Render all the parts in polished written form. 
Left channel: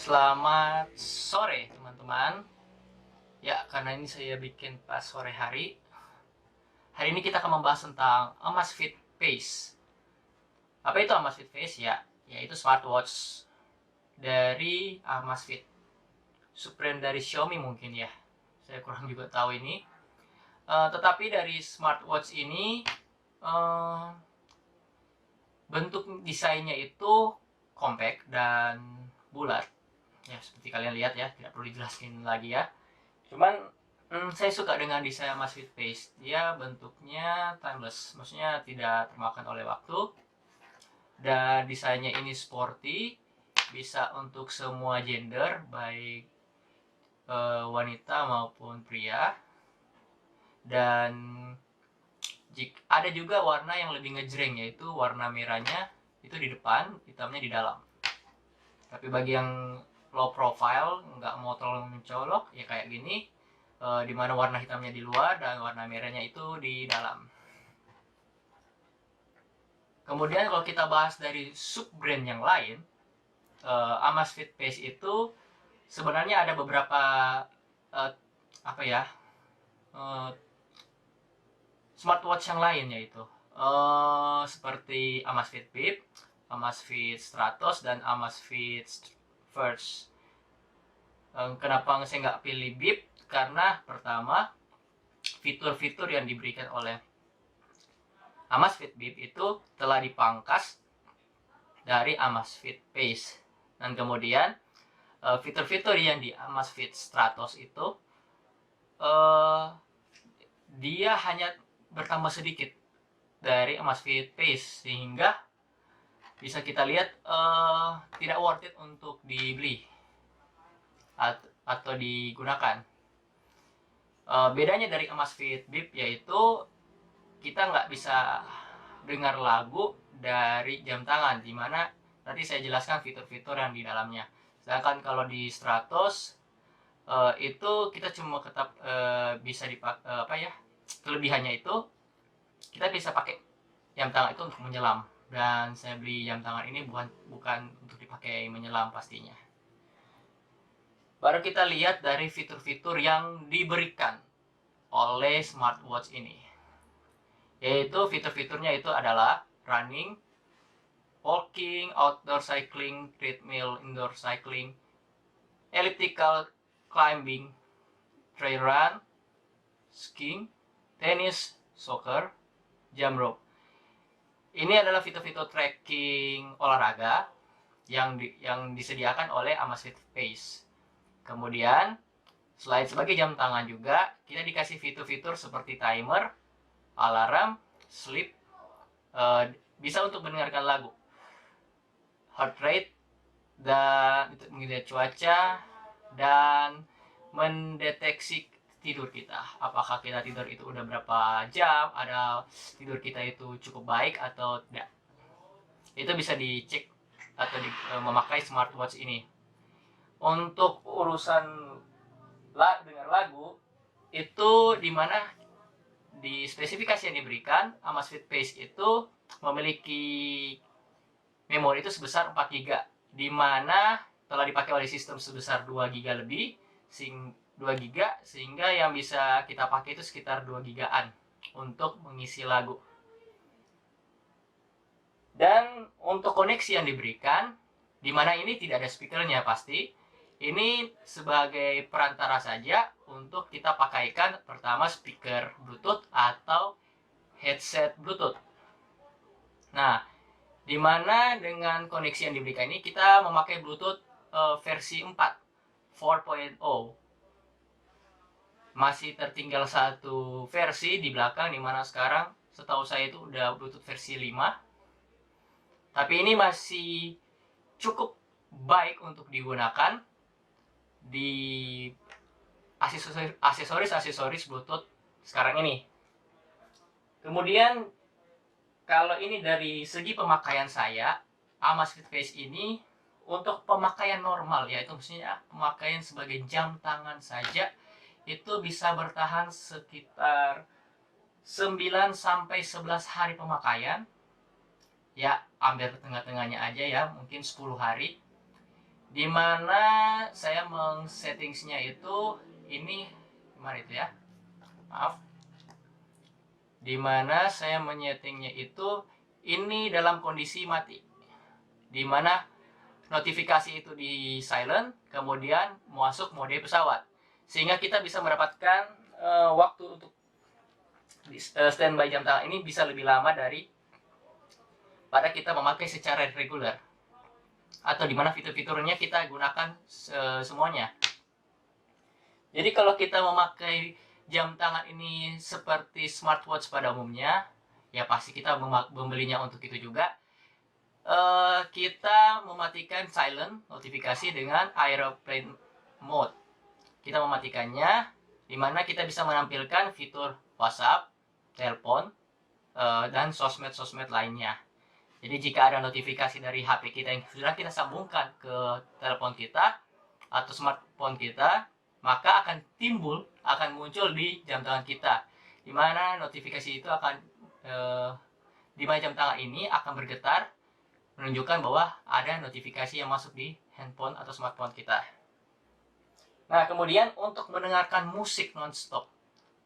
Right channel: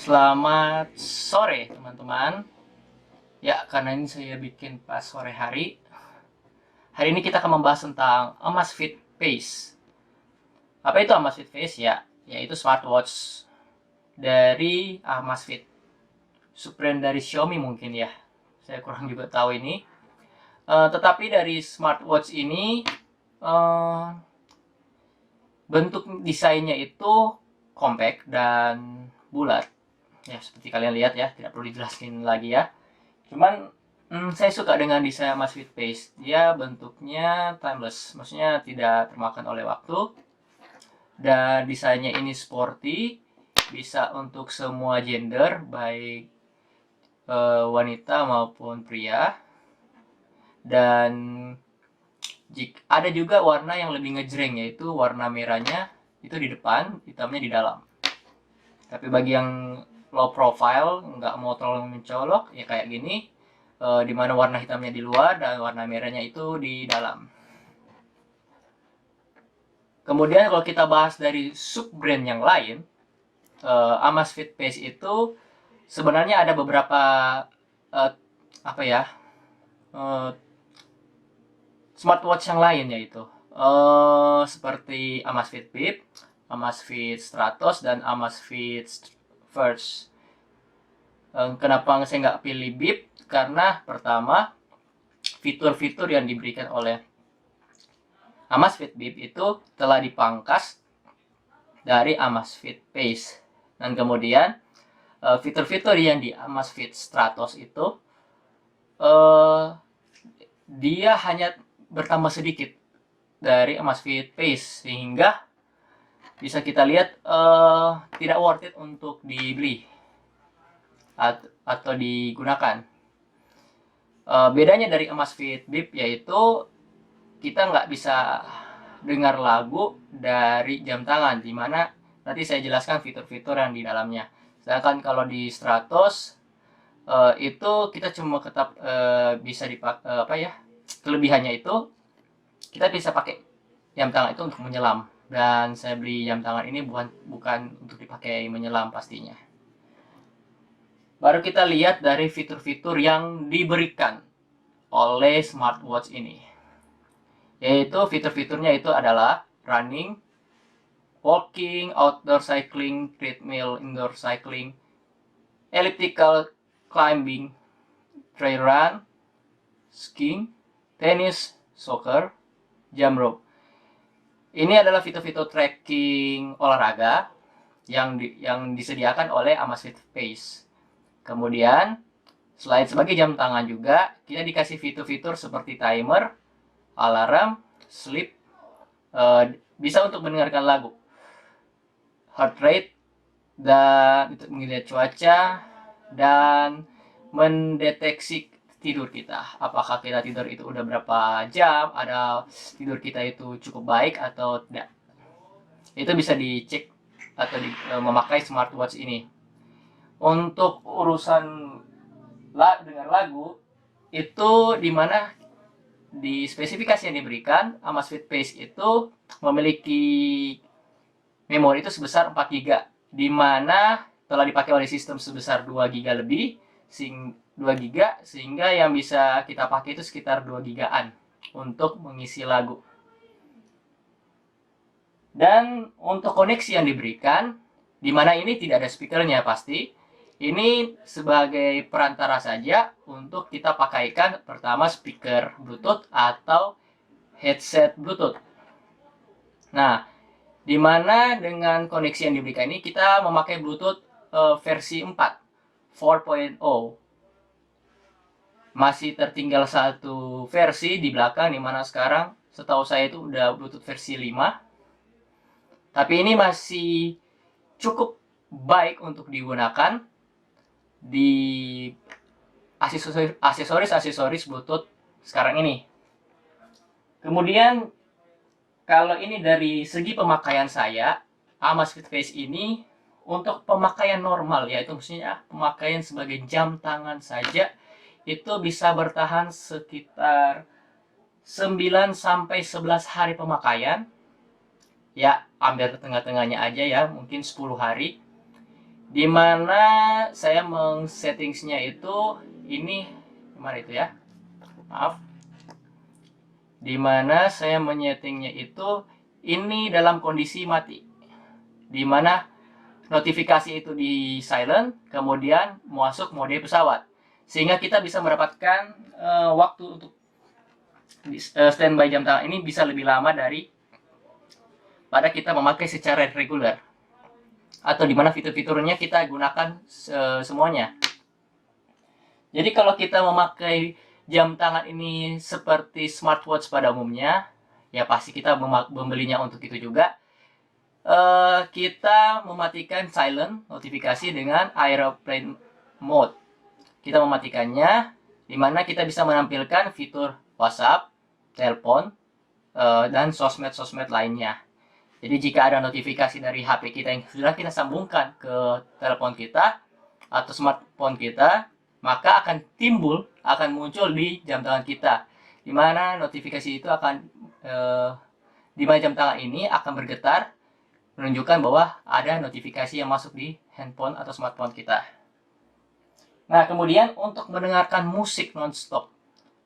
Selamat sore teman-teman. Ya, karena ini saya bikin pas sore hari. Hari ini kita akan membahas tentang Amazfit Pace. Apa itu Amazfit Pace? Ya, yaitu smartwatch dari Amazfit. Subbrand dari Xiaomi mungkin ya. Saya kurang juga tahu ini. Tetapi dari smartwatch ini bentuk desainnya itu compact dan bulat. Ya, seperti kalian lihat ya, tidak perlu dijelaskan lagi ya. Cuman saya suka dengan desain Amazfit Pace. Dia bentuknya timeless, maksudnya tidak termakan oleh waktu. Dan desainnya ini sporty, bisa untuk semua gender, baik wanita maupun pria. Dan ada juga warna yang lebih ngejreng, yaitu warna merahnya itu di depan, hitamnya di dalam. Tapi bagi yang low profile, nggak mau terlalu mencolok, ya kayak gini, di mana warna hitamnya di luar dan warna merahnya itu di dalam. Kemudian kalau kita bahas dari sub brand yang lain, Amazfit Pace itu sebenarnya ada beberapa uh, apa ya uh, smartwatch yang lain, yaitu seperti Amazfit Bip, Amazfit Stratos, dan Amazfit First. Kenapa saya nggak pilih Bip? Karena pertama, fitur-fitur yang diberikan oleh Amazfit Bip itu telah dipangkas dari Amazfit Pace. Dan kemudian fitur-fitur yang di Amazfit Stratos itu dia hanya bertambah sedikit dari Amazfit Pace, sehingga bisa kita lihat tidak worth it untuk dibeli atau digunakan. Bedanya dari Amazfit Bip yaitu kita nggak bisa dengar lagu dari jam tangan, dimana nanti saya jelaskan fitur-fitur yang di dalamnya. Sedangkan kalau di Stratos itu kita cuma tetap bisa dipakai apa ya, kelebihannya itu kita bisa pakai jam tangan itu untuk menyelam, dan saya beli jam tangan ini bukan untuk dipakai menyelam pastinya. Baru kita lihat dari fitur-fitur yang diberikan oleh smartwatch ini, yaitu fitur-fiturnya itu adalah running, walking, outdoor cycling, treadmill, indoor cycling, elliptical climbing, trail run, skiing, tenis, soccer, jump rope. Ini adalah fitur-fitur tracking olahraga yang disediakan oleh Amazfit Pace. Kemudian selain sebagai jam tangan juga, kita dikasih fitur-fitur seperti timer, alarm, sleep, bisa untuk mendengarkan lagu, heart rate, dan untuk melihat cuaca, dan mendeteksi tidur kita. Apakah kita tidur itu udah berapa jam, ada tidur kita itu cukup baik atau tidak. Itu bisa dicek atau memakai smartwatch ini. Untuk urusan dengar lagu, itu dimana di spesifikasi yang diberikan, Amazfit Pace itu memiliki memori itu sebesar 4 GB, di mana telah dipakai oleh sistem sebesar 2 GB lebih, 2 GB, sehingga yang bisa kita pakai itu sekitar 2 GB-an untuk mengisi lagu. Dan untuk koneksi yang diberikan, di mana ini tidak ada speakernya pasti, ini sebagai perantara saja untuk kita pakaikan pertama speaker Bluetooth atau headset Bluetooth. Nah, di mana dengan koneksi yang diberikan ini kita memakai Bluetooth versi 4, 4.0. Masih tertinggal satu versi di belakang, di mana sekarang setahu saya itu udah Bluetooth versi 5. Tapi ini masih cukup baik untuk digunakan di aksesoris Bluetooth sekarang ini. Kemudian kalau ini dari segi pemakaian saya, Amazfit Pace ini untuk pemakaian normal, yaitu maksudnya pemakaian sebagai jam tangan saja, itu bisa bertahan sekitar 9 sampai 11 hari pemakaian. Ya, ambil tengah-tengahnya aja ya, mungkin 10 hari. dimana saya settingsnya itu ini gimana itu ya, maaf, dimana saya menyetingnya itu ini dalam kondisi mati, dimana notifikasi itu di silent, kemudian masuk mode pesawat, sehingga kita bisa mendapatkan waktu untuk standby jam tangan ini bisa lebih lama dari pada kita memakai secara reguler, atau dimana fitur-fiturnya kita gunakan semuanya. Jadi kalau kita memakai jam tangan ini seperti smartwatch pada umumnya, ya pasti kita membelinya untuk itu juga. Kita mematikan silent notifikasi dengan airplane mode. Kita mematikannya, dimana kita bisa menampilkan fitur WhatsApp, telepon, dan sosmed-sosmed lainnya. Jadi jika ada notifikasi dari HP kita yang sudah kita sambungkan ke telepon kita atau smartphone kita, maka akan muncul di jam tangan kita, dimana notifikasi itu akan di jam tangan ini akan bergetar, menunjukkan bahwa ada notifikasi yang masuk di handphone atau smartphone kita. Nah, kemudian untuk mendengarkan musik non-stop.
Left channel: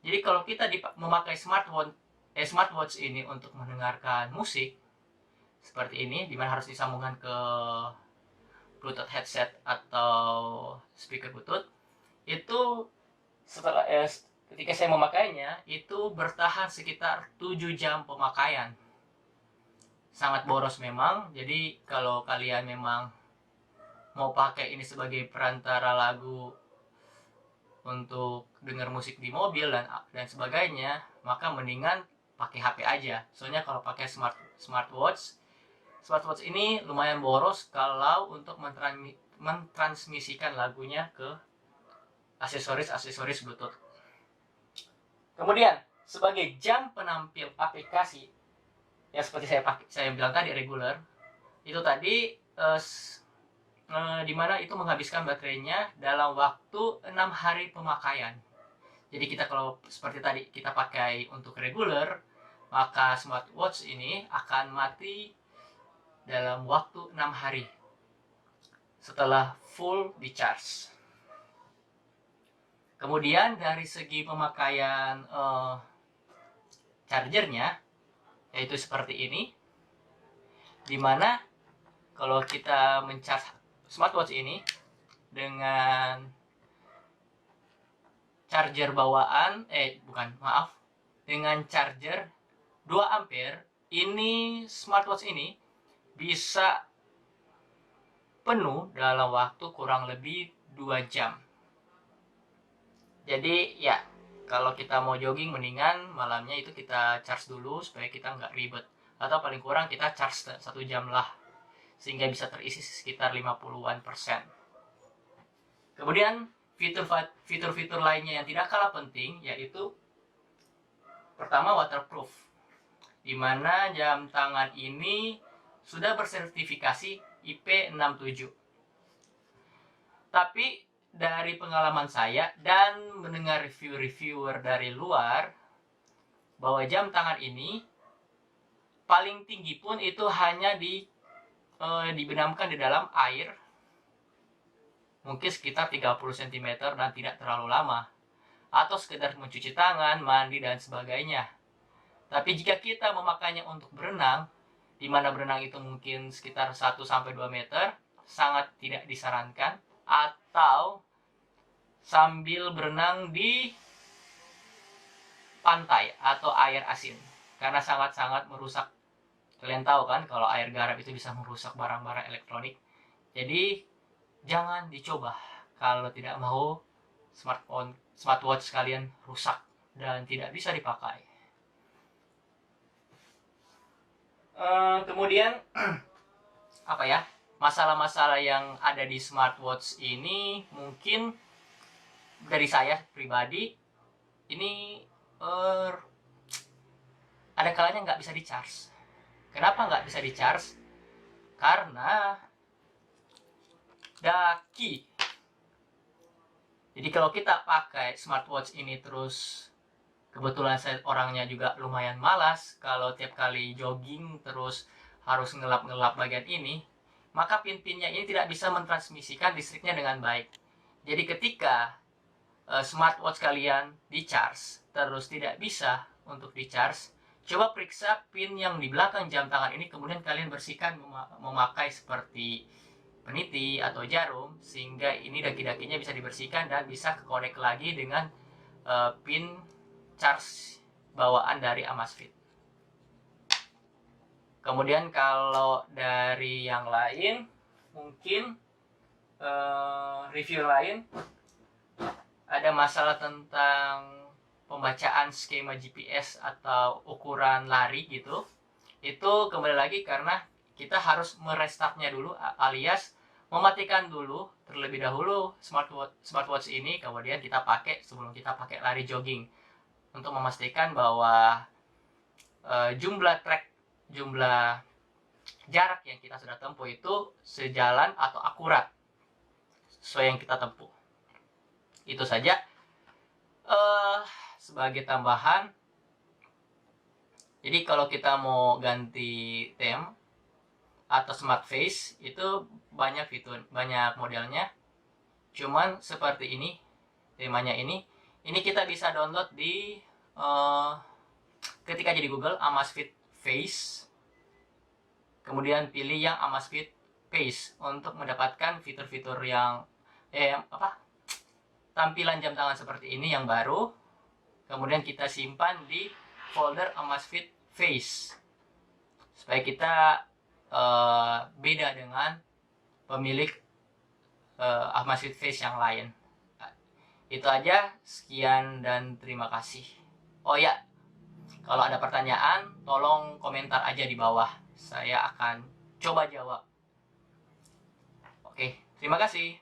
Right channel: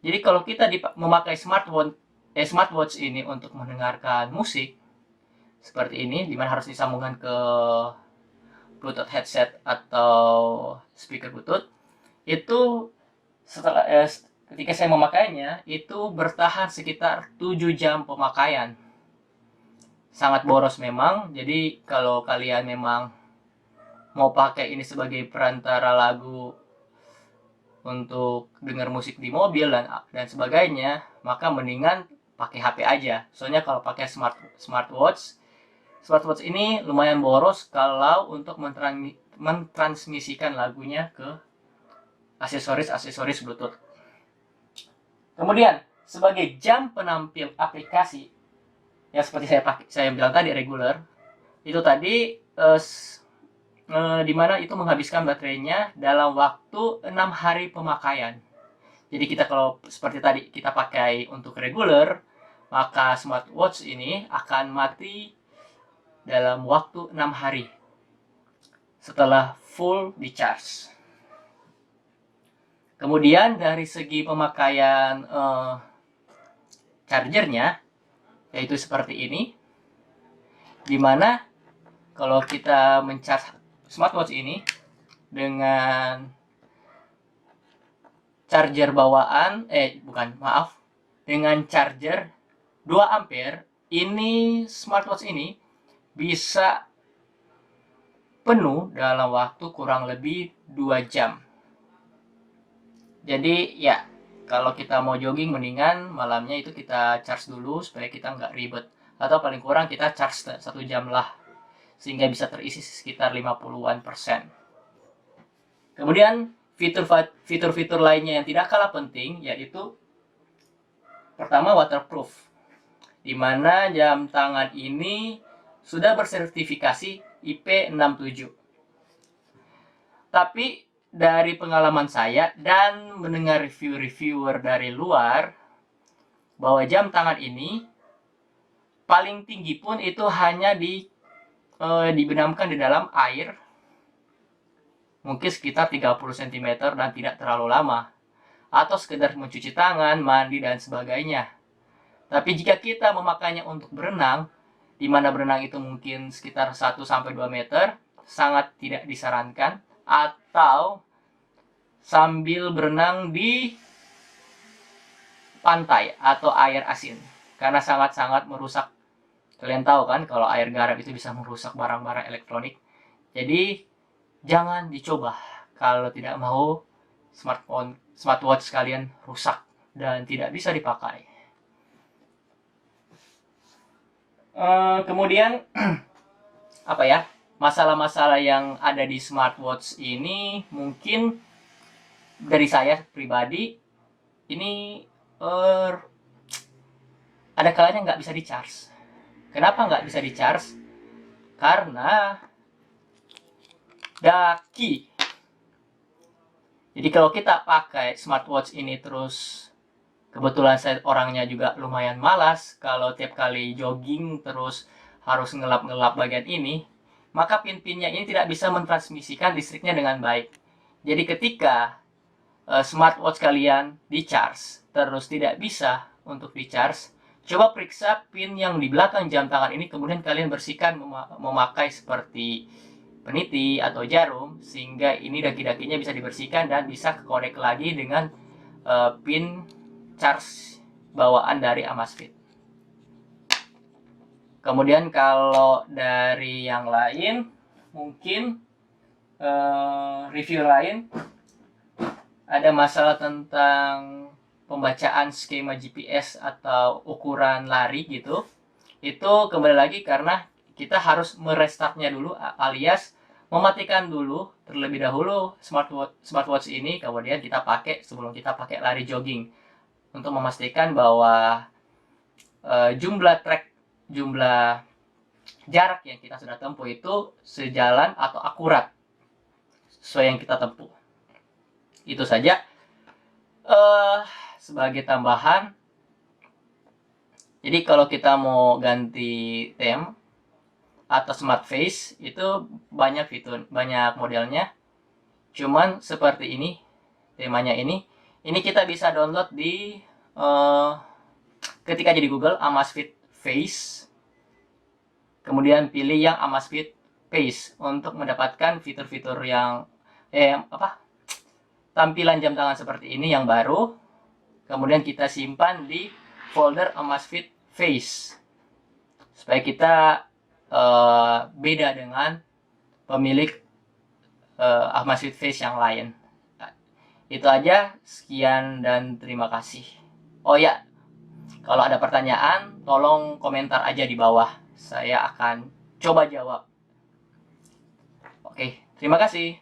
Jadi kalau kita memakai smartwatch ini untuk mendengarkan musik seperti ini, dimana harus disambungkan ke Bluetooth headset atau speaker Bluetooth, itu setelah ketika saya memakainya itu bertahan sekitar 7 jam pemakaian. Sangat boros memang. Jadi kalau kalian memang mau pakai ini sebagai perantara lagu untuk dengar musik di mobil dan sebagainya, maka mendingan pakai HP aja. Soalnya kalau pakai smartwatch ini lumayan boros kalau untuk mentransmisikan lagunya ke aksesoris Bluetooth. Kemudian sebagai jam penampil aplikasi, yang seperti saya bilang tadi reguler, itu tadi dimana itu menghabiskan baterainya dalam waktu 6 hari pemakaian. Jadi kita kalau seperti tadi kita pakai untuk reguler, maka smartwatch ini akan mati dalam waktu 6 hari setelah full di charge. Kemudian dari segi pemakaian chargernya, yaitu seperti ini, dimana kalau kita mencharge smartwatch ini dengan charger bawaan, dengan charger 2 ampere, ini smartwatch ini bisa penuh dalam waktu kurang lebih 2 jam. Jadi ya, kalau kita mau jogging mendingan malamnya itu kita charge dulu supaya kita nggak ribet, atau paling kurang kita charge 1 jam lah sehingga bisa terisi sekitar 50-an%. Kemudian fitur-fitur lainnya yang tidak kalah penting yaitu pertama waterproof, dimana jam tangan ini sudah bersertifikasi IP67. Tapi dari pengalaman saya dan mendengar reviewer dari luar, bahwa jam tangan ini paling tinggi pun itu hanya dibenamkan di dalam air mungkin sekitar 30 cm dan tidak terlalu lama, atau sekedar mencuci tangan, mandi dan sebagainya. Tapi jika kita memakainya untuk berenang, di mana berenang itu mungkin sekitar 1-2 meter, sangat tidak disarankan, atau sambil berenang di pantai atau air asin, karena sangat-sangat merusak. Kalian tahu kan kalau air garam itu bisa merusak barang-barang elektronik. Jadi jangan dicoba kalau tidak mau smartwatch kalian rusak dan tidak bisa dipakai. Kemudian apa ya, masalah-masalah yang ada di smartwatch ini mungkin dari saya pribadi ini ada kalanya nggak bisa di-charge. Kenapa nggak bisa di-charge? Karena daki. Jadi kalau kita pakai smartwatch ini terus, kebetulan saya orangnya juga lumayan malas, kalau tiap kali jogging terus harus ngelap-ngelap bagian ini, maka pin-pinnya ini tidak bisa mentransmisikan listriknya dengan baik. Jadi ketika smartwatch kalian di-charge terus tidak bisa untuk di-charge, coba periksa pin yang di belakang jam tangan ini, kemudian kalian bersihkan memakai seperti peniti atau jarum, sehingga ini daki-dakinya bisa dibersihkan dan bisa connect lagi dengan pin charge bawaan dari Amazfit. Kemudian kalau dari yang lain, mungkin review lain, ada masalah tentang pembacaan skema GPS atau ukuran lari gitu. Itu kembali lagi karena kita harus merestartnya dulu, alias mematikan dulu terlebih dahulu smartwatch ini, kemudian kita pakai sebelum kita pakai lari jogging, untuk memastikan bahwa jumlah jarak yang kita sudah tempuh itu sejalan atau akurat sesuai yang kita tempuh. Itu saja. Sebagai tambahan, jadi kalau kita mau ganti theme atau smart face itu banyak fitur, banyak modelnya. Cuman seperti ini temanya ini kita bisa download di ketika jadi Google Amazfit Face, kemudian pilih yang Amazfit Face untuk mendapatkan fitur-fitur yang tampilan jam tangan seperti ini yang baru. Kemudian kita simpan di folder Amazfit Face supaya kita beda dengan pemilik Amazfit Face yang lain. Itu aja, sekian dan terima kasih. Oh ya, kalau ada pertanyaan tolong komentar aja di bawah, saya akan coba jawab. Oke, terima kasih.